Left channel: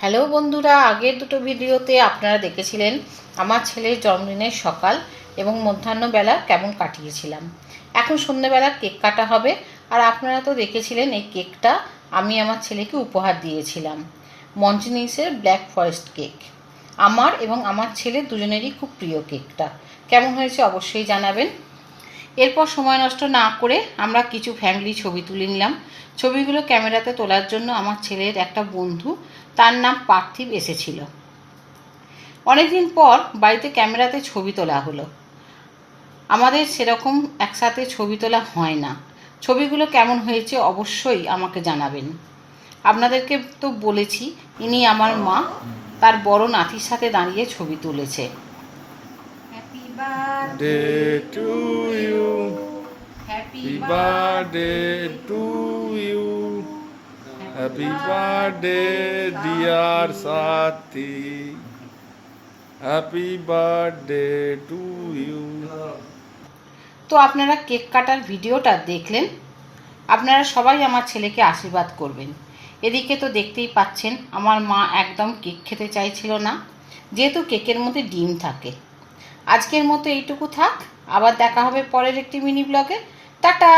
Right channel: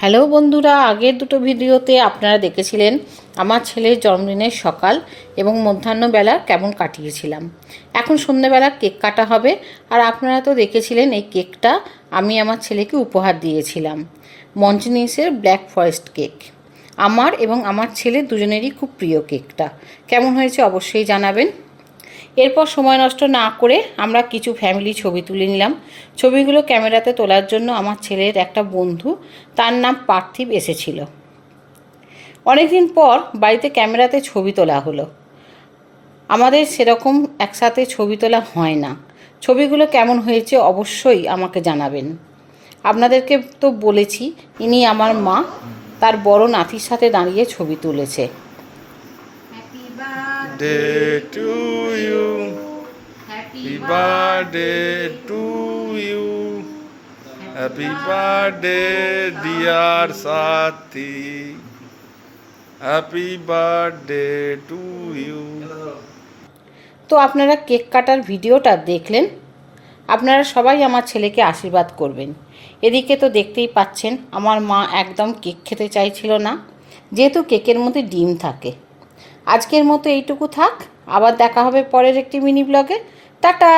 Hello বন্ধুরা, আগের দুটো ভিডিওতে আপনারা দেখেছিলেন আমার ছেলের জন্মদিনের সকাল এবং মধ্যাহ্নবেলা কেমন কাটিয়েছিলাম। এখন সন্ধ্যেবেলা কেক কাটা হবে। আর আপনারা তো দেখেছিলেন এই কেকটা আমি আমার ছেলেকে উপহার দিয়েছিলাম, মঞ্জনিসের ব্ল্যাক ফরেস্ট কেক। আমার এবং আমার ছেলের দুজনেরই খুব প্রিয় কেকটা। কেমন হয়েছে অবশ্যই জানাবেন। এরপর সময় নষ্ট না করে আমরা কিছু ফ্যামিলি ছবি তুলে নিলাম। ছবিগুলো ক্যামেরাতে তোলার জন্য আমার ছেলের একটা বন্ধু, তার নাম পার্থিব, এসেছিল। অনেকদিন পর বাড়িতে ক্যামেরাতে ছবি তোলা হলো। আমাদের সেরকম একসাথে ছবি তোলা হয় না। ছবিগুলো কেমন হয়েছে অবশ্যই আমাকে জানাবেন। আপনাদেরকে তো বলেছি ইনি আমার মা, তার বড় নাতির সাথে দাঁড়িয়ে ছবি তুলেছে। Day to you. Happy birthday to you. Happy birthday, dear Sati. Happy birthday to you. তো আপনারা কেক কাটার ভিডিওটা দেখলেন। আপনারা সবাই আমার ছেলেকে আশীর্বাদ করবেন। এদিকে তো দেখতেই পাচ্ছেন আমার মা একদম কেক খেতে চাইছিল না, যেহেতু কেকের মধ্যে ডিম থাকে। আজকের মতো এইটুকু থাক, আবার দেখা হবে পরের একটি মিনি ব্লগে। টাটা।